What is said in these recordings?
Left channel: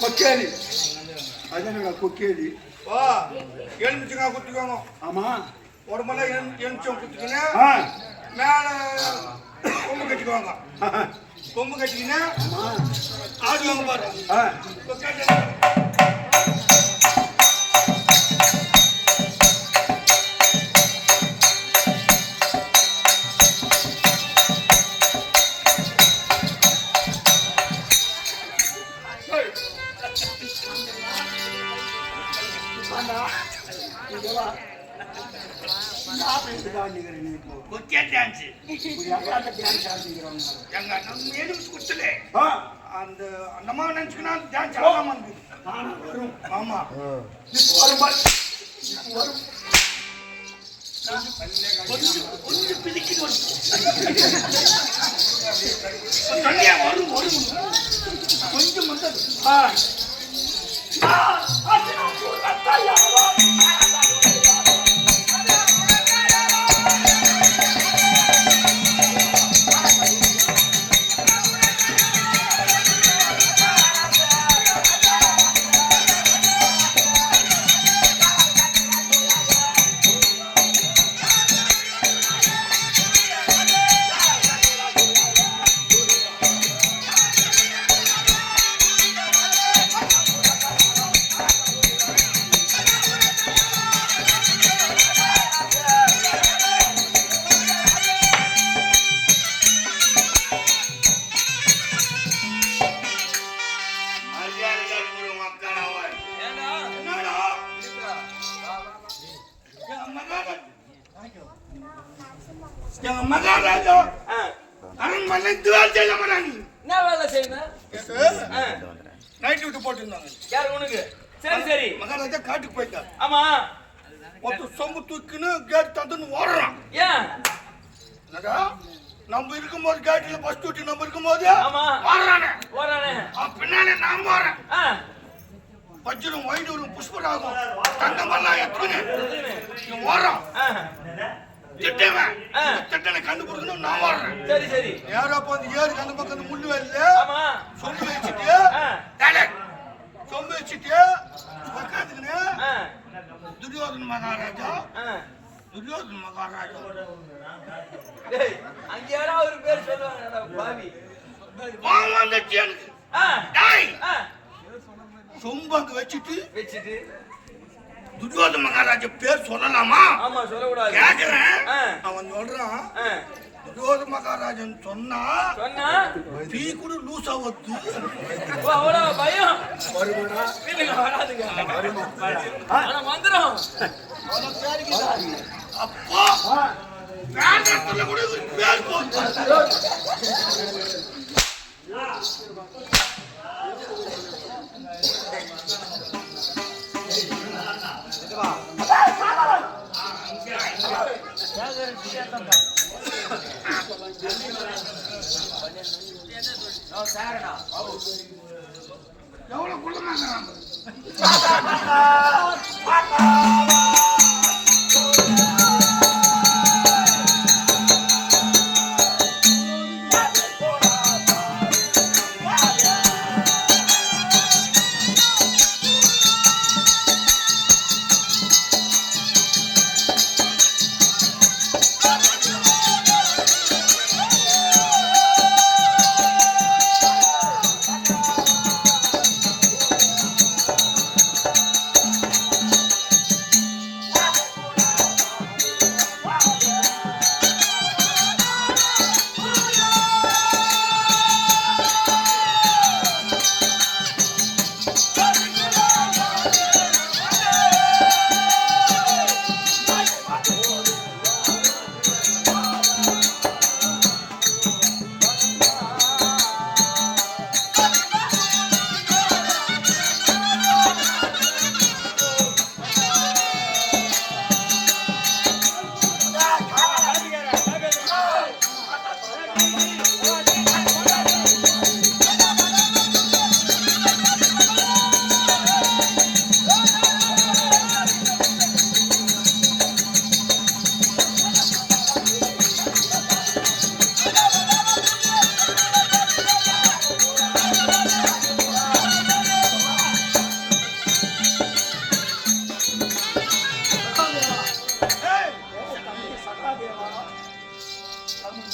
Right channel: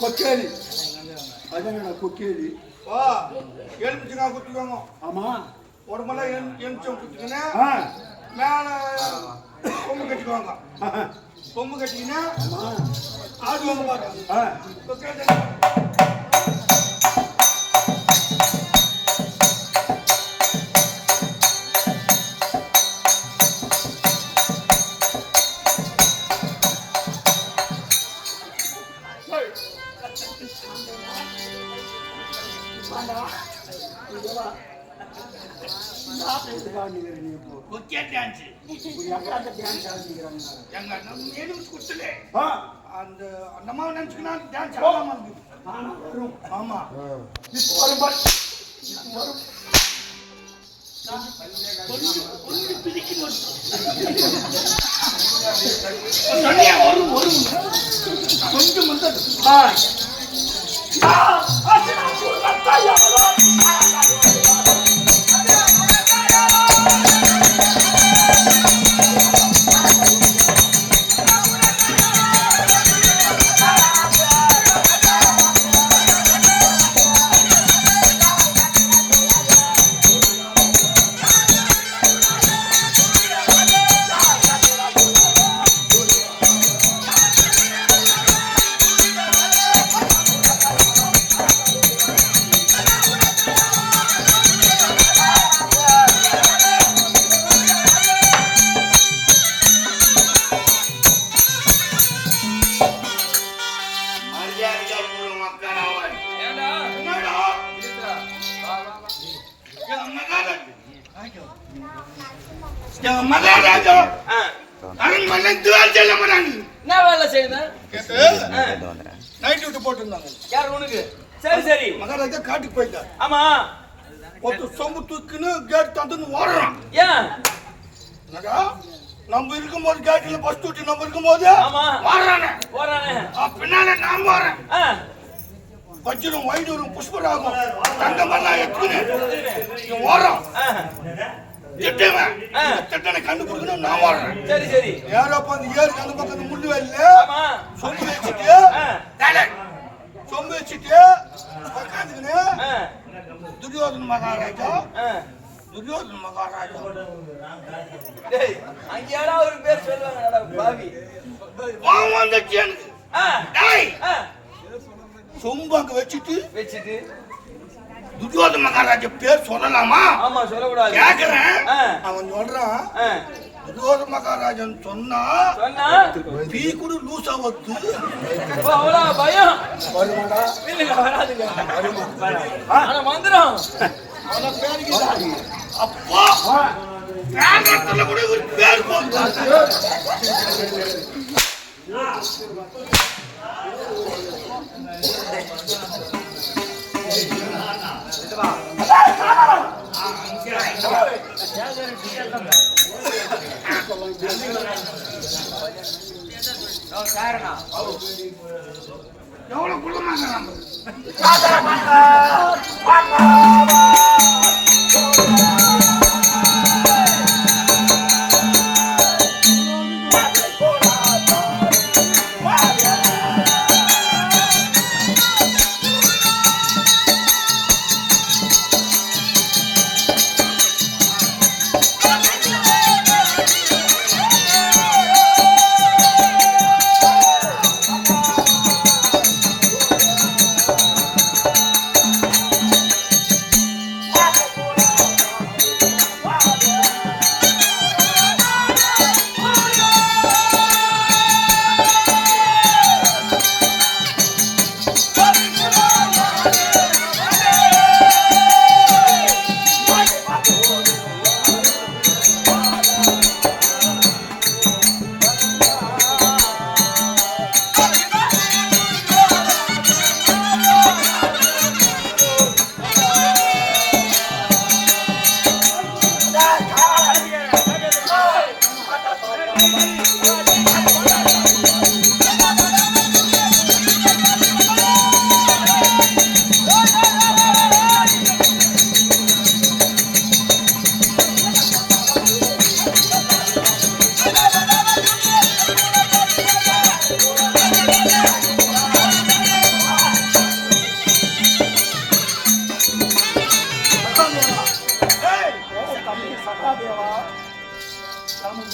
கொக்கேரி அதனால கொக்கேரி எலுமிச்சங்காய் குத்திக்கோங்க. ஆமா உடம்பெல்லாம் எலுமிச்சம் குத்திக்கின்னு மேல கொம்பு கட்டிக்குவாங்க. கொம்பு கட்டிக்கின்னு ஆடுவாங்க பாரு. அந்த அந்தமா நினைச்சுக்கினா டான்ஸ் ஆடாம வரும். ஆமா வரும் கொஞ்சம் பிடிக்குது வரும் வரும் கொஞ்சம் வந்தது மகாராஜா அரண்மனை துவார் செய்ய மாட்டாங்க. என்ன வேலை செய்யுது? நைட் டியூட்டி போட்டுருந்தாங்க. யார் உனக்கு? சரி சரி. மகாராஜா காட்டுக்கு போயிட்டார். ஆமா. ஒருத்தர் சொம்பு தூக்குன்னு கேட் தந்துன்னு ஓடுறான். ஏன்? நம்ம இருக்கும்போது கேட்ல பஸ் டியூட்டி நம்ம இருக்கும்போது ஓடுறானே பின்னால நான் போறேன். வஜ்ரம் வைடூரும் புஷ்பராகும் தங்கமெல்லாம் எடுத்துக்கின்னு ஓடுறான். திட்டனை கண்டுபிடிக்கணும் நான் ஓடுறேன். சரி சரி. யாரோ வந்து ஏறி அந்த பக்கம் முள்ளு வரல சொம்பு வச்சுட்டு உட்காந்துக்கின்னு துரியோதன மகாராஜா அங்க யாராவது ஒரு பேர் சொல்லுவாங்க பாவி சொம்பு அங்க வச்சுட்டு துரியோதன மகாராஜா பேர் சொல்லலாமா? ஆமா சொல்லக்கூடாது. கேக்குறேன். அவன் சொல்றான் துரியோதன மகாராஜன் சொன்னா பீ கூட லூசா வச்சு அவ்வளவு பயம் வருமாடா வராதுங்க. ஆனா மந்திரம் அவன பேருக்கு அப்பா ராஜத்துல கூட ஒரு பேர் போட்டு எவ்வளவு குள்ளமாங்க தம்பி சகாதேவா.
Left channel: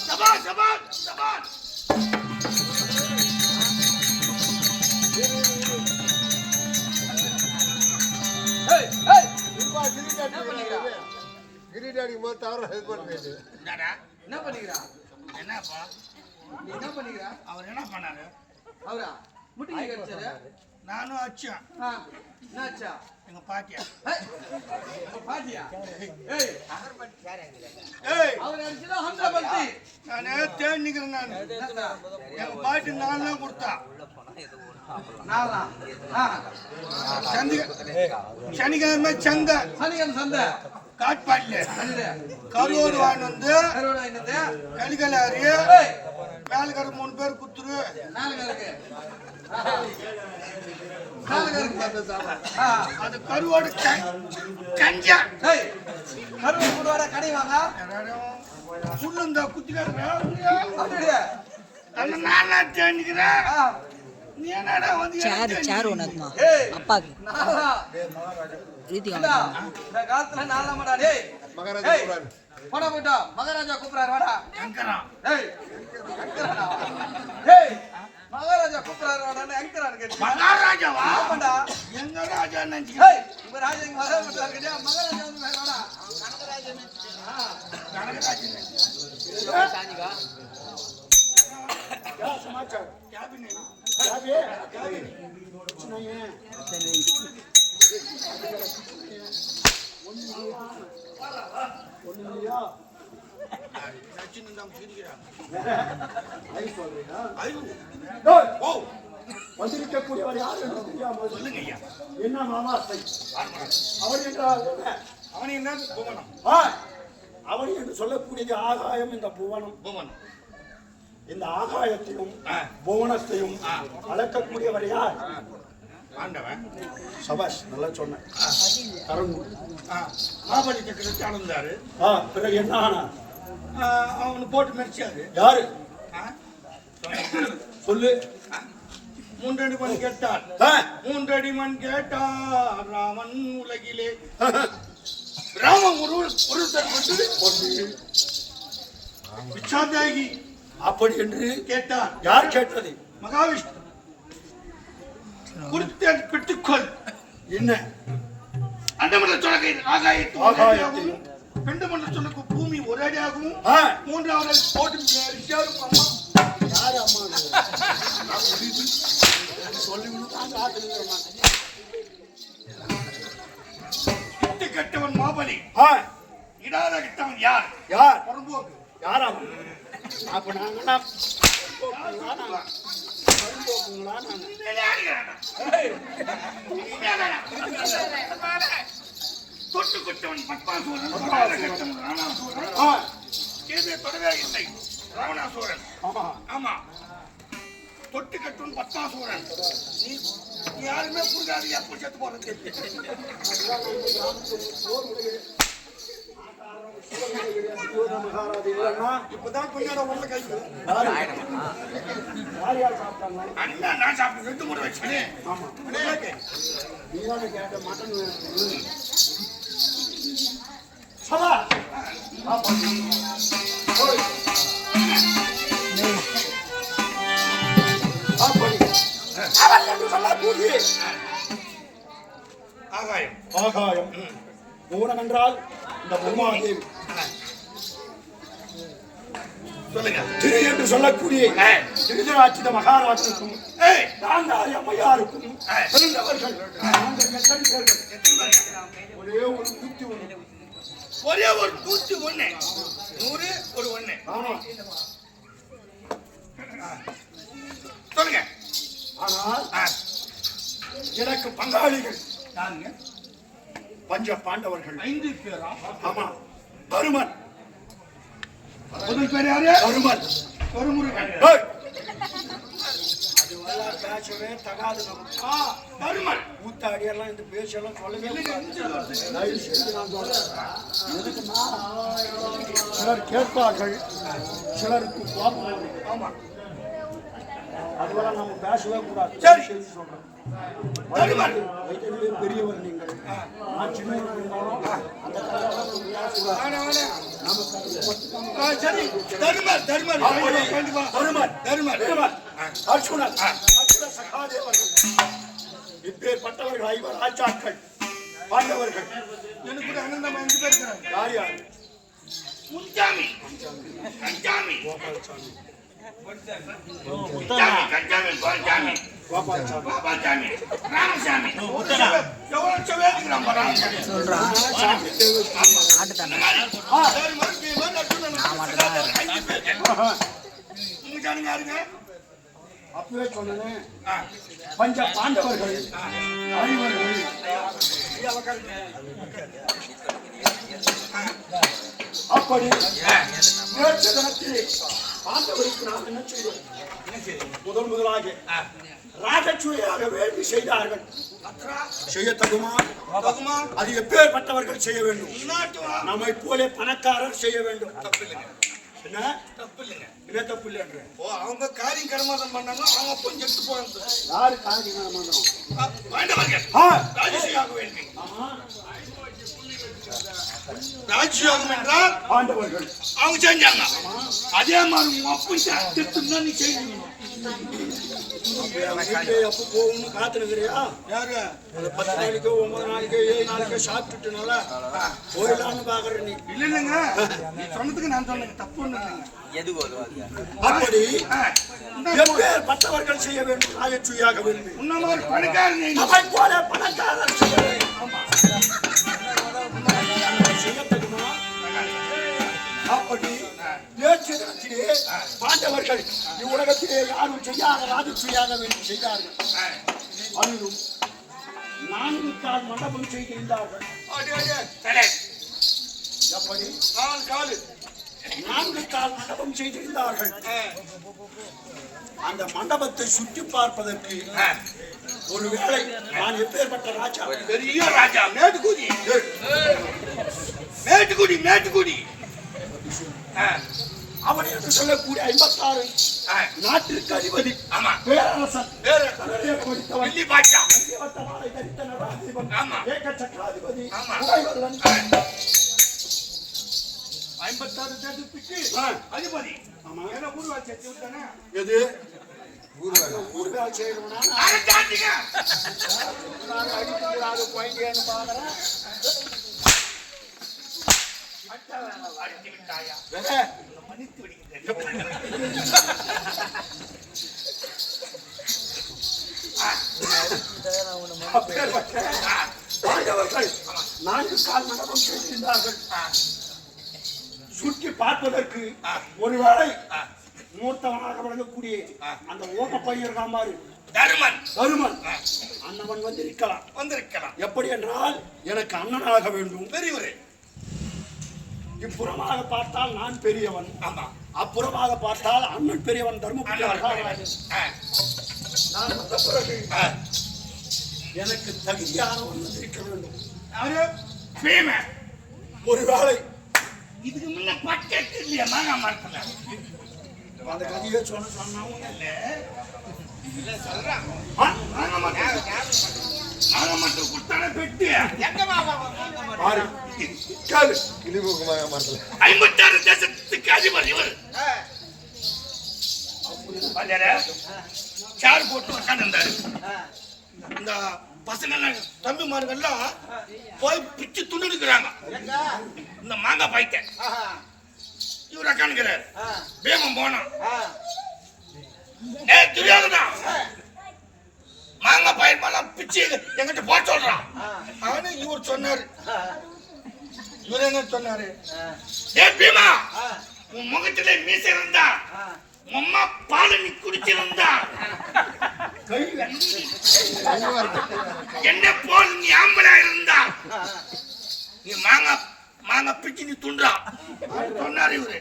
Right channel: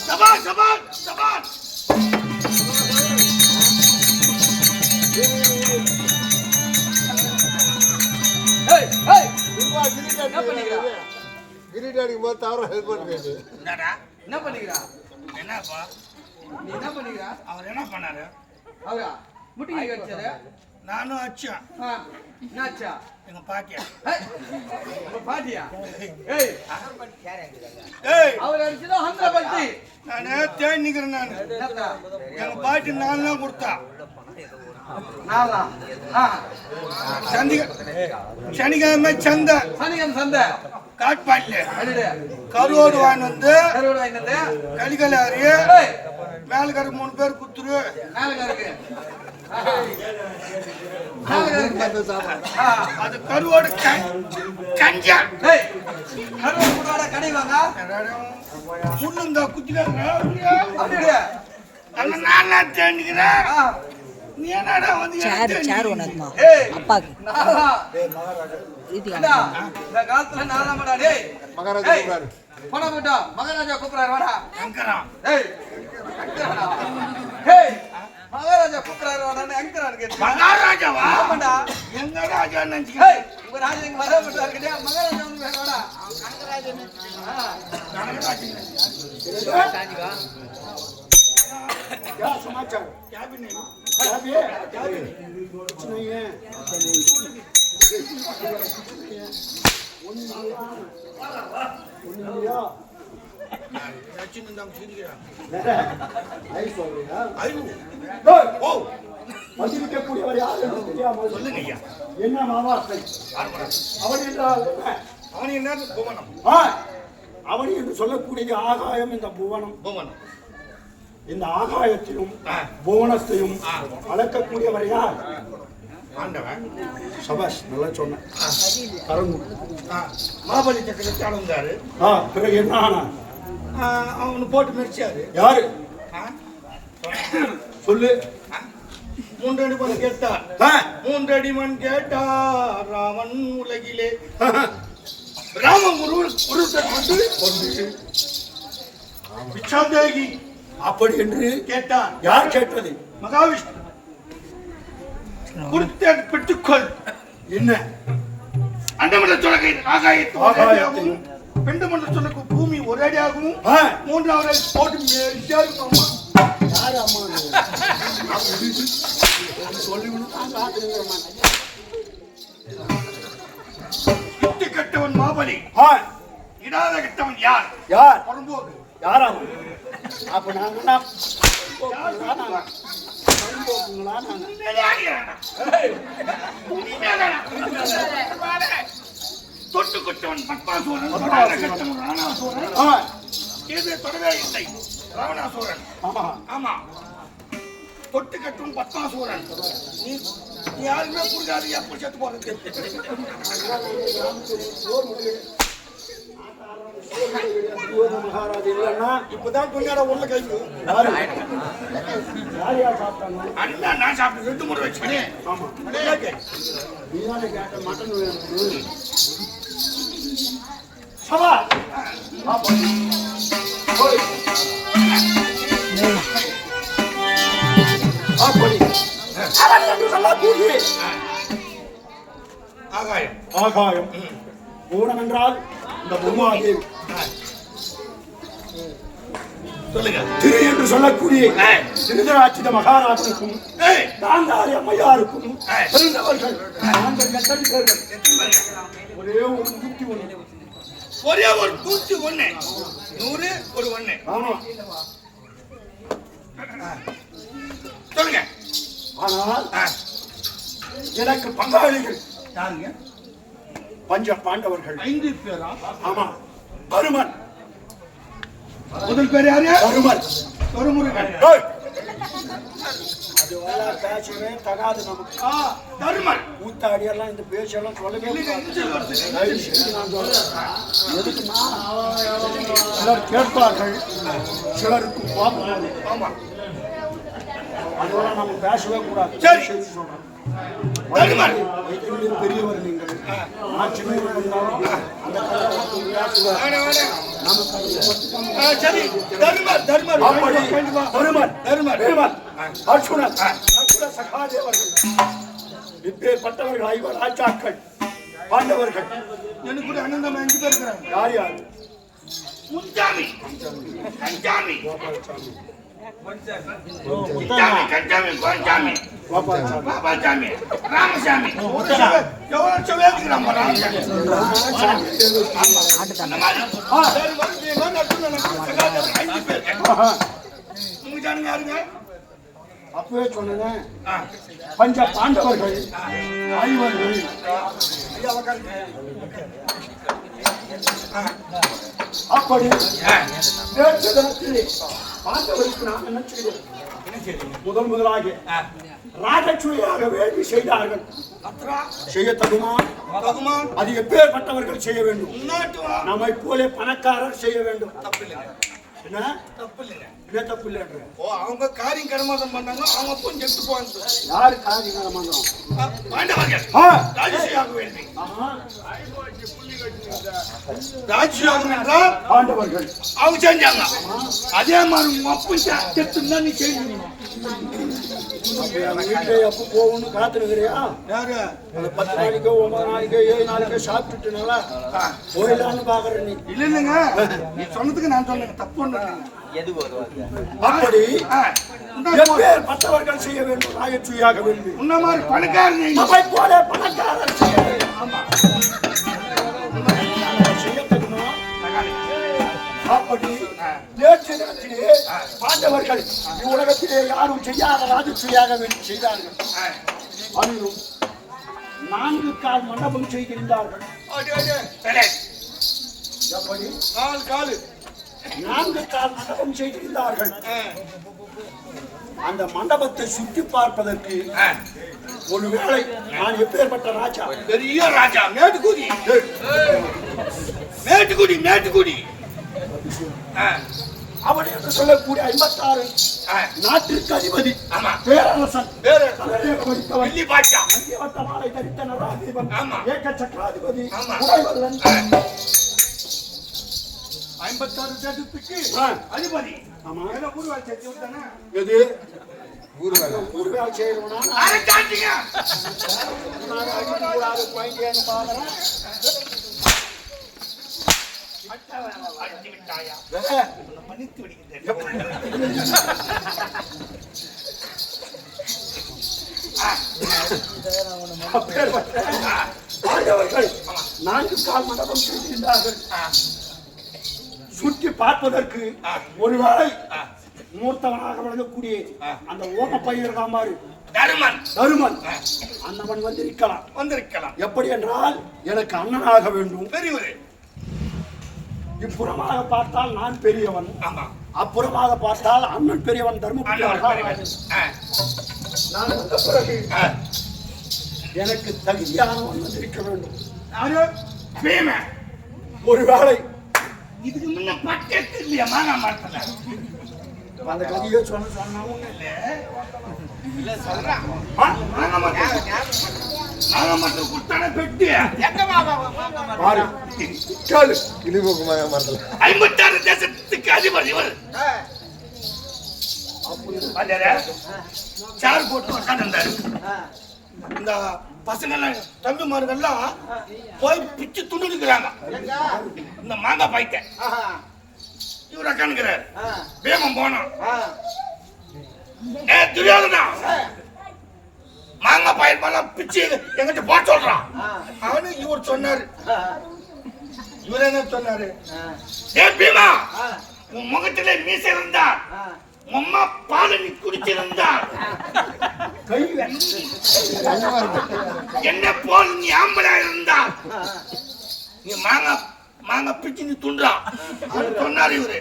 சபாஷ் சபாஷ் சபாஷ். ஏய் ஏய் என்ன பண்ணிக்கிறா? கிரீடாடி போது தவற ஹெல்ப் பண்ணுவேன். என்னடா என்ன பண்ணிக்கிறா? என்னப்பா நீ என்ன பண்ணிக்கிறா? அவர் என்ன பண்ணாரு? அவரா முட்டிங்க கடிச்சாரு. நானும் அச்சேன். என்னாச்சா? எங்க பாட்டியா உங்க பாட்டியா? ஏய் ஏய் அவர் அடிச்சதா 100 பட்டி. நானே தேடி நிக்கிறேன். நான் என்னடா? எங்க பாட்டி நான் தான் கொடுத்தா. நாளா சனிக்கிழமை சந்தை சனிகம் சந்தை காட்பாடில அடிடே கருவோடு வாங்கி வந்து கருவடை என்னது? கலிகலாரி ஏய் மேலுக்கார 3 பேர் குத்துரு. மேலகருக்கு மேலகருக்கு அது கருவோடு கஞ்சா. ஏய் கருவடை போடுவாடா கடை வாங்க. முன்னுங்க குத்திக்காங்க. அப்படியே அந்த நான் தேடிக்கிறேன். நீ என்னடா வந்து சார் உனக்குமா ஏய் அப்பாக்கு நாளா இது ஏண்டா, இந்த காலத்துல நாலாமடா டேய். மகாராஜா ஏய், கூப்பிடாரு. போடா போட்டா மகாராஜா கூப்பிடுறாரு வாடா. எங்கறான் ஏய் அங்கறானா? ஏய் மகாராஜா கூப்பிடுறாரு வாடான்னு அங்கறான்னு கேட்டு. மகாராஜாவா? ஆமாடா. எங்க ராஜா நினைச்சுக்க. ஏய் உங்க ராஜா இங்க வர மாட்டாரு கேட்டியா? மகாராஜா வந்து வாடா. क्या समाचार? क्या भी नहीं. क्या भी है? क्या भी कुछ नहीं है. ஒண்ணுமில்லையா? ரச்சின் தான் சிரிக்கிறான். ஐ சொல்றியா? ஐயோ டேய், ஓ வந்திருக்கக்கூடியவர் யார் என்று தெரியாமல் சொல்லுங்க ஐயா. என்ன மாவாசை? அவன் என்றால் அவன் என்ன புவனம்? ஆ, அவன் என்று சொல்லக்கூடிய ஆகாயம் இந்த புவனம். புவனம். இந்த ஆகாயத்தையும் புவனத்தையும் அளக்கக்கூடியவர் யார்? ஆண்டவன். சபாஷ், நல்லா சொன்ன. கரங்கு. மாபலி சக்கரவர்த்தி ஆனந்தாரு. பிறகு என்ன ஆனா? அவனு போட்டு மெரிச்சாரு. யாரு சொல்லு. 3 அடி மண் கேட்டார். ஆ, 3 அடி மண் கேட்டார் ராமன் உலகிலே. ராமன் உருவத்தை கொண்டு பிச்சாந்தேகி அப்படி என்று கேட்டார். யார் கேட்டது? மகாவிஷ்ணு. கொடுத்த பெற்றுக்கொள். என்ன? அண்டமன்ற சொலகை ஆகாயத்து ஆகாயத்தையும் பெண்டமன்ற சொலகு பூமி ஒரு அடியாகவும் ஆ, 3வது அடி போட்டு மெரிச்சாரு அம்மா. யாரு அம்மா? சொல்லிவிடு. இட்டு கட்டவன் மாபலி. ஆ, இடாத கட்டவன் யார்? யார்? புறம்போக்கு. யாரா? அப்ப நாங்க தொட்டு கொட்டவன் பத்மாசூரன். தொடாத கட்டவன் ராவணாசூரன். கேது தொடவே இல்லை ராவணாசூரன். ஆமா. ஆமா. தொட்டு கட்டும் பத்மாசூரன். நீ யாருமே புரியாது. எப்படி செத்து போறது? மகாராஜா இல்லைன்னா இப்பதான் கொஞ்சம் உள்ள கை யாரு? யார் யார் சாப்பிட்டாங்க? அடிமா நான் சாப்பிட்டு 2 முறை வச்சுக்கிறேன். ஆமா, நீதானே கேட்ட மட்டன் வேணும். சபா அப்படி அவன் என்று சொல்லக்கூடிய ஆகாயம். ஆகாயம் பூரணம் என்றால் இந்த பூமாதேவி. சொல்லுங்க. திரு என்று சொல்லக்கூடிய திருதராட்சித மகாராஜனுக்கும் காந்தாரி அம்மையாருக்கும் பிறந்தவர்கள் ஒரே ஒரு 101. ஒரே ஒரு 101. 100 ஒரு 1. ஆமா. சொல்லுங்க. ஆனால் எனக்கு பங்காளிகள் யாருங்க? பஞ்ச பாண்டவர்கள் 5 பேரா? ஆமா. பருமன். முதல் பேர் யாரு? பருமன். தொருமுருகன். அது வர பேசவே தகாது நமக்கு. தருமன். ஊத்தாடி எல்லாம் இந்த பேச்செல்லாம் சொல்லவே கூடாது. நான் சொல்றேன். எதுக்குன்னா சிலர் கேட்பார்கள், சிலருக்கு கோபம் வரும். ஆமா. அதெல்லாம் நம்ம பேசவே கூடாது. சரி. சொல்றேன். தருமன். வைத்தியங்களில் பெரியவர் நீங்கள். நான் சின்னவன் இருந்தாலும் அந்த கல்யாணம் வேணாம், வேணாம். சரி தருமர் தருமர் அப்படி கண்டிப்பா தருமன் தருமர் வீரமன் அர்ஜுனன் நகுல சகாதேவர்கள் இப்பேற்பட்டவர்கள் 5 ராஜாக்கள் பாண்டவர்கள். எனக்கு கூட அண்ணன் தம்பி 5 பேர் இருக்கிறாங்க. யார் யார்? முன்சாமி கஞ்சாமி கஞ்சாமி கோஞ்சாமி பாபாசாமி ராமசாமி எவ்வளவு சொல்லிருக்கிறாங்க ராமசாமி உங்க ஜானுங்க யாருங்க? அப்பவே சொன்னேன் பஞ்ச பாண்டவர்கள் 5 அப்படி நேற்று தினத்தில் பாண்டவருக்கு நாம் என்ன செய்தோம்? முதலாக ராஜசூயாக வேண்டி செய்தார்கள். செய்ய தகுமா? அது எப்பேற்பட்டவர்கள் செய்ய வேண்டும்? நம்மை போல பணக்காரர் செய்ய வேண்டும். என்ன தப்பு இல்லைங்க? என்ன தப்பு இல்லைன்ற? அவங்க காரியம் கர்மாதம் பண்ணாங்க. அவங்க அப்போ செத்து போவாங்க. யாரு காரியம் கர்மாதம்? பாண்டவர்கள் ராஜசூயாக வேண்டி. ராஜ்யம் என்றால் பாண்டவர்கள் அவங்க செஞ்சாங்க. அதே மாதிரி உங்க அப்பா செத்துனா நீ செய்யணும். அப்போ போகணும்னு காத்துருக்கிறியா? யாரு 10 நாளைக்கோ 9 நாளைக்கோ 7 நாளைக்கோ சாப்பிட்டுட்டு நல்லா போயிடலான்னு பாக்குற நீ? இல்ல இல்லைங்க, நீ சொன்னதுக்கு நான் சொன்னேன் தப்பு ஒண்ணு. அப்படி பட்டவர்கள் செய்ய வேண்டும். ராஜசூயாக வேண்டும். உன்ன மாதிரி பணக்காரன் அவை போல பணக்காரர் செய்ய வேண்டும். ஆமா செய்யத்தகுமா? அப்படி நேற்று தினத்திலே பாண்டவர்கள் இவ்வுலகத்திலே யாரும் செய்யாத ராஜசூயாக வேண்டி செய்தார்கள். அதிலும் 4 கால் மண்டபம் செய்திருந்தார்கள். எப்படி? 4 கால் 4 கால் மண்டபம் செய்திருந்தார்கள். அந்த மண்டபத்தை சுற்றி பார்ப்பதற்கு ஒருவேளை நான் எப்பேற்பட்ட ராஜா? பெரிய ராஜா, மேட்டுக்குடி மேட்டுக்குடி மேட்டுக்குடி அவன் என்று சொல்லக்கூடிய 56 நாட்டிற்கு அதிபதி பேரரசன் வெள்ளி பாட்சா மாலை தரித்த நடாதிபன் ஆமா. ஏக சக்கராதிபதி உடைவல்லன் 56 தேசத்துக்கு அதிபதி. ஆமா. என்ன ஊர்வால் சேர்த்து விட்டானே? எது ஊர்வேல் செய்யணும்னா அரசாண்டிங்க அடிக்கூடாது குழந்தைன்னு பாக்குறேன். அடித்து விட்டாயா? மன்னித்து விடுகிறேன். பாண்டவர்கள் 4 கால் மண்டபம் செய்திருந்தார்கள். சுற்றி பார்ப்பதற்கு ஒருவேளை மூர்த்தவனாக விளங்கக்கூடிய அந்த ஓம பையர் காமாறு தருமன் அண்ணவன் வந்திருக்கலாம். எப்படி என்றால் எனக்கு அண்ணனாக வேண்டும். பெரியவரே, இப்புறமாக பார்த்தால் நான் பெரியவன், அப்புறமாக பார்த்தால் அண்ணன் பெரியவன் தர்மபுரி. நான் வந்த பிறகு எனக்கு தகுதியானவன் வந்திருக்க வேண்டும். ஒருவேளை இதுக்கு முன்ன பட்டத்து இல்லையா மாங்கா மரத்துல? அந்த கதையை சொன்னாவும் மாங்கா மரத்துல கொடுத்தானே பெட்டி. பாரு கேளு. கிளிமூக்கு மரத்தில் 56 தேசத்துக்கு அதிபர் இவர். சார் போட்டு உட்காந்துருந்தாரு. இந்த பசங்க தம்பிமார்கள்லாம் போய் பிச்சு துணிக்கிறாங்க. இந்த மாங்காய் பாய்க்க இவர் உட்காந்துக்கிறாரு. பீமன் போனான். துரியோதனா மாங்காய் பாயில் பிச்சு எங்கிட்ட போட சொல்றான். அவனு இவர் சொன்னாரு. இவர் என்ன சொன்னாரு? ஏ பீமா, உன் முகத்துல மீசை இருந்தா அம்மா பால் நீ குடிச்சிருந்தா என்ன போல் நீ ஆம்பளா இருந்தா நீ மாங்காய் பிச்சு நீ துண்டா சொன்னாரு இவரு.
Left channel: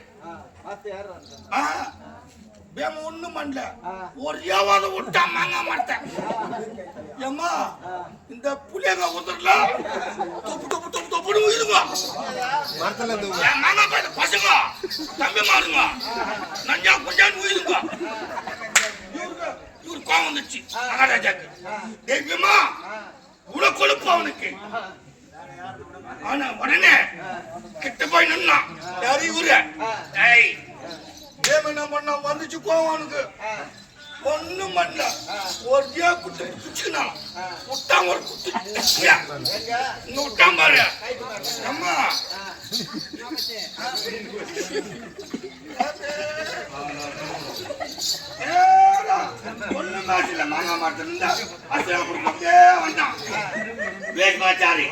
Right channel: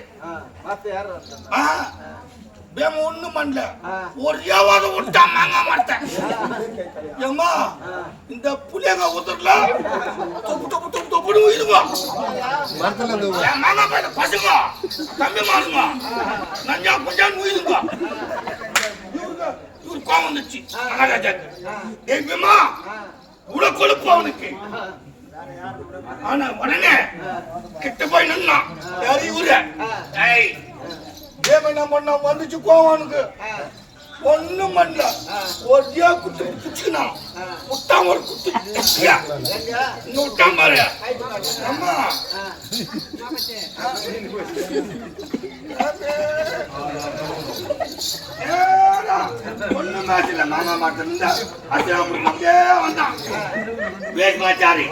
பேம ஒண்ணும் பண்ணல, ஒரு ஏவாத விட்டா மாங்காய் மாட்டேன். ஏம்மா இந்த புளியங்க உதறல தொப்பு தொப்பு தொப்பு தொப்புன்னு உயிலுங்க. மாங்காய் பையன் பசங்க தம்பி மாறுங்க நஞ்சா கொஞ்சான்னு உயிலுங்க. இவரு கோவம் வந்துச்சு மகாராஜாக்கு. ஏய் பேமா உட கொழுப்பு அவனுக்கு ஆனா உடனே கிட்ட போய் நின்னா யாரு இவரு ஏய் ஏன் என்ன பண்ண வந்துச்சு கோவனுக்கு ஒண்ணும் பண்ணல ஒரே குத்து குச்சினா முட்டாம ஒரு குத்து குச்சியா இன்னும் விட்டாம பாரு அம்மா ஒண்ணும் காட்டில மாமா மாட்டு இருந்தா அப்படியே வந்தான் வேகமாச்சாரி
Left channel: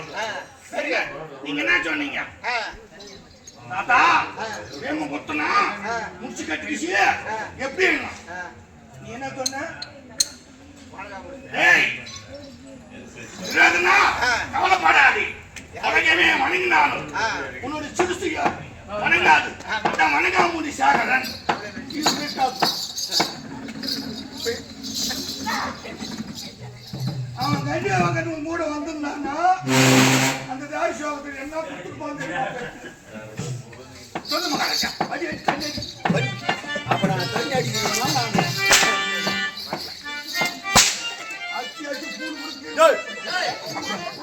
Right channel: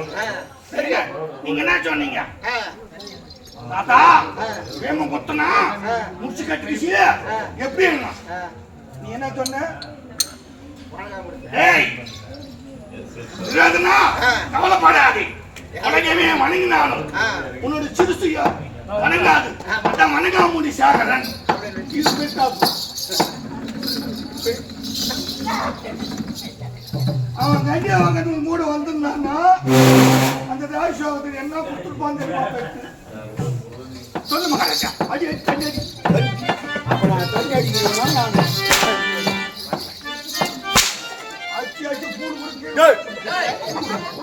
சரியா நீங்க என்ன சொன்னீங்க தாத்தா வேம கொத்தனா முடிச்சு கட்டிச்சு எப்படி நீ என்ன சொன்ன ஏய் விரோதனா கவலைப்படாதே உலகமே வணங்கினாலும் உன்னோட சிறுசுயா வணங்காது அதான் வணங்கா முடி சாகரன் இது கேட்டா அவன் கண்டியா அவங்க மூட வந்திருந்தாங்க அந்த தேவசோகத்துக்கு என்ன கொடுத்துருப்பான்னு தெரியுமா சொல்லு மகாராஜா அடி தண்ணி அப்ப நான் தண்ணி அடிக்கிறேன்னா நான் அடிச்சு அடிச்சு பூ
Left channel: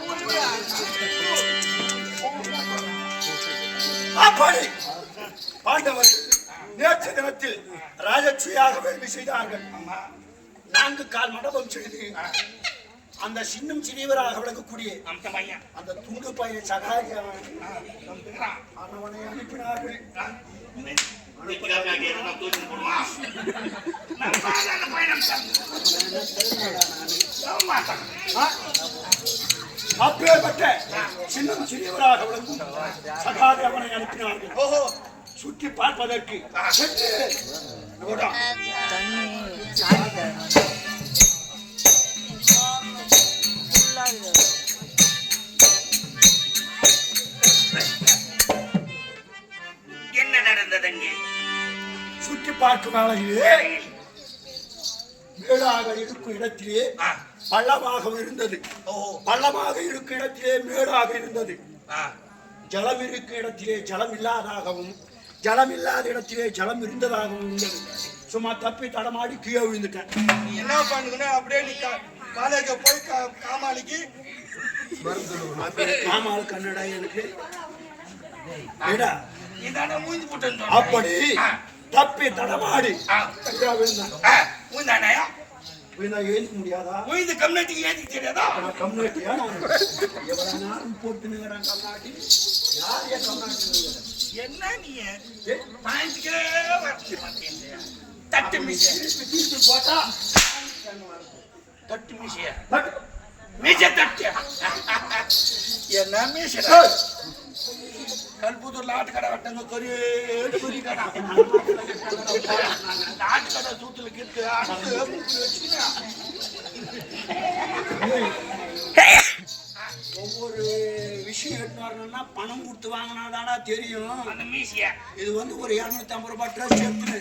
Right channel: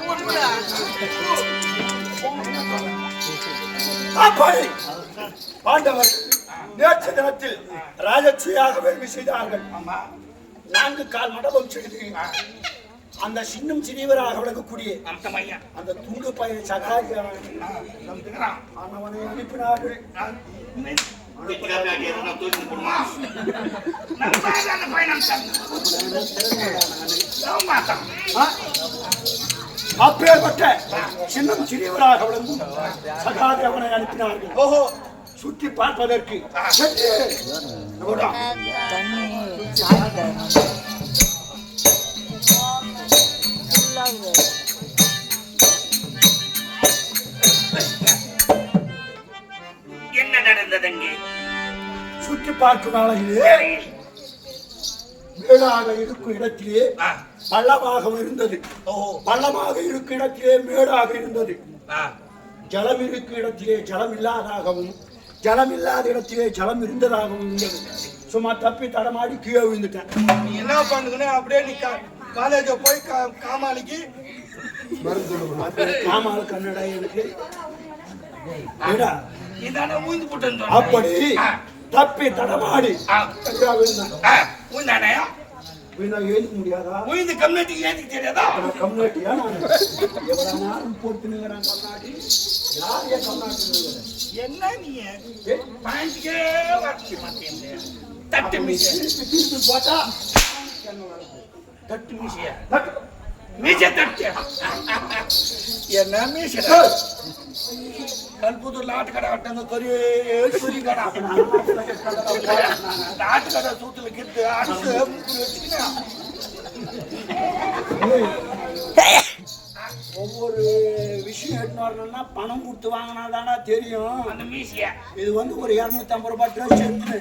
கொடுத்து அப்படி பாண்டவர் நேற்று தினத்தில் ராஜட்சியாக வேள்வி செய்தார்கள். ஆமா 4 கால் மண்டபம் செய்து அந்த சின்னம் சிறியவராக விளக்கக்கூடிய அந்த பையன் அந்த துண்டு பையன் சகாரியா நம்புகிறான் அவனை அனுப்பினார்கள். அப்பேற்பட்ட சின்னம் சிறியவராக விளங்கும் சகாதி அவனை அனுப்பினார்கள். ஓஹோ சுற்றி பார்ப்பதற்கு தண்ணி சாப்பிட்டு என்ன நடந்தது அங்கே சுற்றி பார்க்கும் நாளையிலே மேடாக இருக்கும் இடத்திலே பள்ளமாக இருந்தது. பள்ளமாக இருக்கும் இடத்திலே மேடாக இருந்தது. ஜலம் இருக்கும் இடத்திலே ஜலம் இல்லாதாகவும் ஜலம் இல்லாத இடத்திலே ஜலம் இருந்ததாகவும் இருந்தது. சும்மா தப்பி தடமாடி கீழே விழுந்துட்டேன். நீ என்ன பண்ணுதுன்னா அப்படியே நீ காலேஜ போய் காமாளிக்கு காமால் கன்னடா எனக்கு இதான மூந்து போட்டு அப்படி தப்பி தடமாடி கீழே விழுந்தேன். மூந்தானயா விழுந்தா ஏறிக்க முடியாதா? மூந்து கம்யூனிட்டிக்கு ஏதிக்கு தெரியாதா கம்யூனிட்டியா நான் எவ்வளவு போட்டு நிற்கிறேன். கம்நாட்டி யாரைய கம்நாட்டி என்ன நீ பாயிண்ட்கே வரச்சு மாட்டேன் தட்டு மிஷிய தீர்த்து போட்டா தட்டு மிஷிய தட்டு. மீச தட்டு என்ன மீச கல்புத்தூர்ல ஆட்டுக்கடை கட்டாங்க கறி கடை ஆட்டுக்கடை சூத்துல கிட்டு அடிச்சு முக்குல வச்சுக்கினா ஒவ்வொரு விஷயம் எடுத்து வரணும்னா பணம் கொடுத்து வாங்கினாதானா தெரியும். அந்த மீசிய இது வந்து ஒரு 250 ரூபாய் ட்ரெஸ் எடுத்து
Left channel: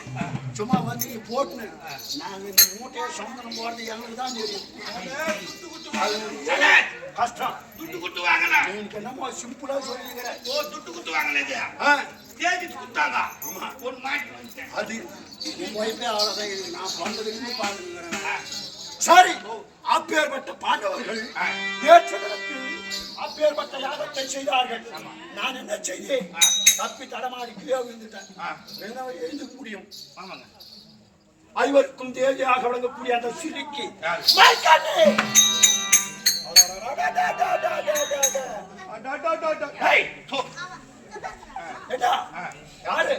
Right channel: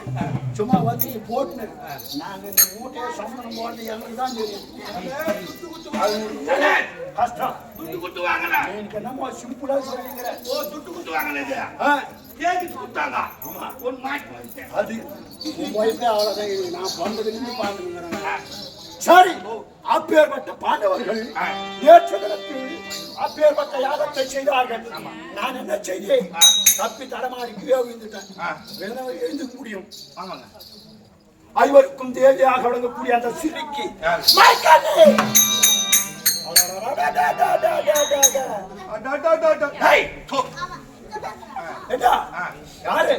சும்மா வந்து நீ போட்டுனேன். நாங்கள் இந்த மூட்டையை சம்பளம் போடுறது எனக்கு தான் தெரியும். அது கஷ்டம். துட்டு குட்டு வாங்கல எனக்கு என்னமோ சிம்பிளா சொல்லிக்கிறேன். ஓ துட்டு குட்டு வாங்கல இது தேடி குத்தாங்க ஒரு மாட்டி வந்துட்டேன் அது உன் ஒய்ஃபே அவ்வளோதான். நான் பண்றதுன்னு பாருங்கிறேன். சரி அப்பேற்பட்ட பாண்டவர்கள் நேற்று தினத்தில் அப்பேற்பட்ட யாகத்தை செய்தார்கள். நான் என்ன செய்தேன்? தப்பி தடமாடி கீழே விழுந்துட்டேன். எழுந்து முடியும். ஐவருக்கும் தேவையாக விளங்கக்கூடிய அந்த சிரிக்கு யாரு